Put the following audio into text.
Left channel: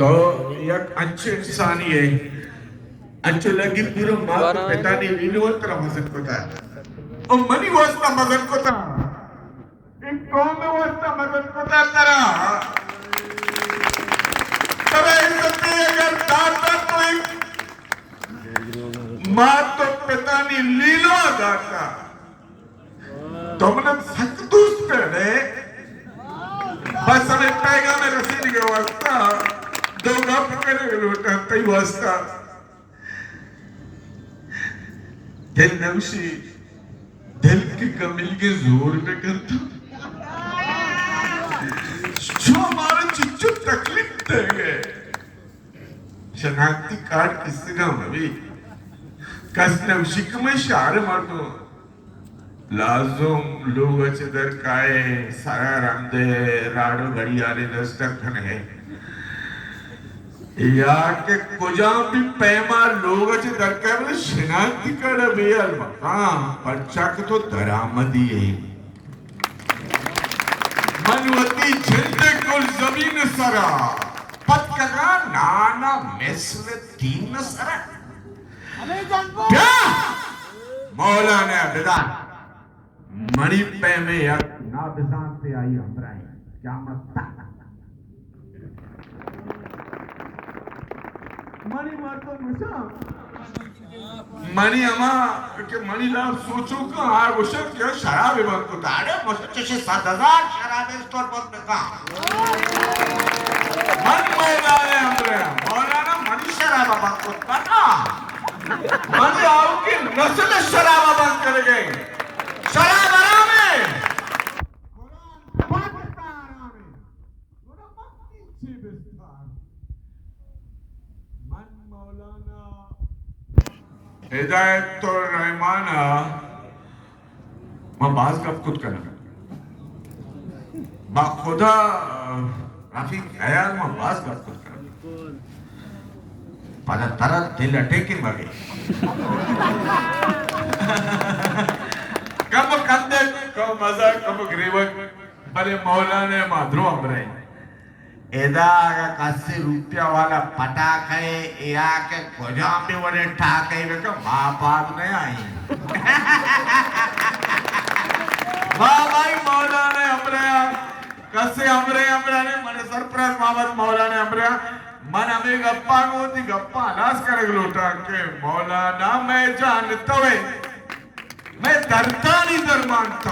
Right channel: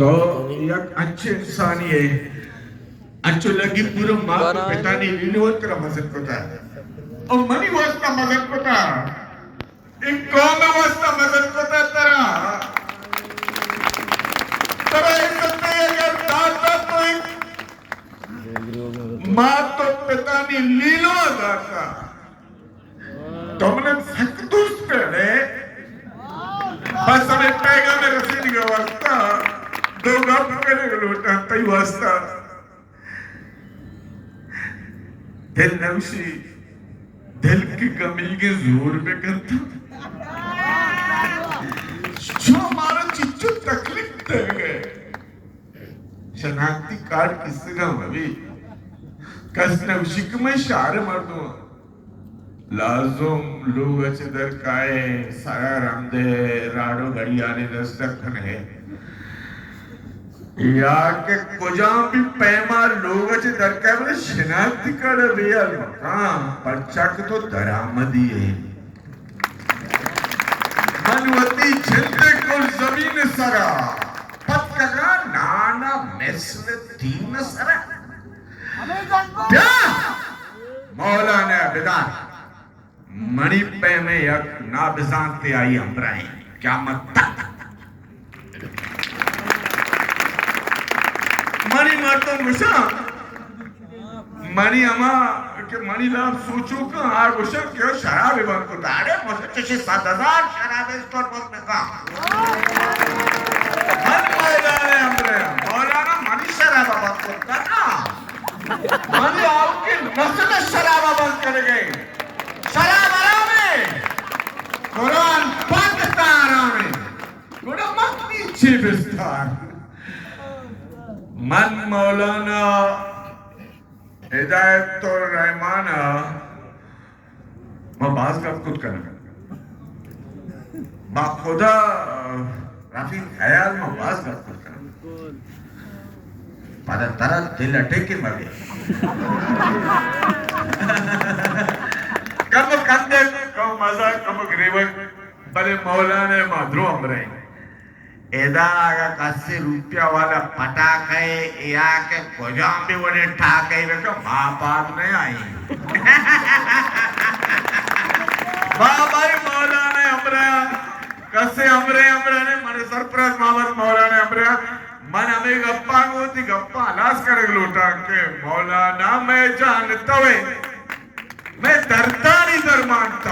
तो एक अच्छे इंसान ये अच्छे लगी पूरा माँ को पिता ने इनोत्र मजन को था और मनी वास्ता मजन को था एक कौन वास्ता मजन को था तेरा तब ऐसा अगर दाता तो एक माँ तो पिता ने लीलो दाता तुमने सख्तूस पे बस हमें पैगाम रसीद के वास्ता दो गप करे लोटा तई वास्ता दिल नमशी दिल की कमी के जोर पे करता जो हमारा चिच्चू तकलीफ दे गए शनाख्ती कार्ड किससे काम अभी कसने शिकमे शार मारतो लाज़ोम लोग अच्छे दर काए साया रामदे राडो घड़ियाले दस्तक खने या के कुजां भी पैमा लोग अच्छे दर काए बोले शिनाख्ती कार्ड बेयल मकाम पंचाक तो दरामदी है मनवती जिंदे को जमीन सरा पत कगा नाना मिस्र तीन सरा क्या मौलाना बिदा मणि पे में एक ना बिजानते आई अमराई क्या मत मणि मारता गुस्सा मणि अमा के मणि लाभ सोचो का आ गुस्सा क्यों शराब बंद को ताड़े मुझे चेशे 7,000 शराब स्टोर बंद में का मन मौलाना अमरा मौलाना मणि शराब बंद को करना मणि आपके नस्ल शराब बंद कर गए शराब आराम है कुरान पढ़ता आराम है गुड़ा मत नीचे विस्तार मन मौलाना हिदायत तो रहमाना मैं बाज कब कुछ करना बा खुदा राफी ख्याल में बाज कब कुछ करना pada tarat दिल अटेके मगे कब कंदे कब मजा कब ग्रेवन बले मौलाने माधुरो अमरे एदा आगा कस्से रुपया वाला पटाख है या के गोजाम भी वने ठाक है वे का माँ बाप नहीं आई माँ भाई मौलाने अमरे कस्से अमरे अमरे ने मने सरप्राइज मामत मौलाने अमरे मन हमें गप्पा होती गप्पा नाश करे लोटा के मौलाना मैं जानता हूँ मैं डरता नहीं डर मानता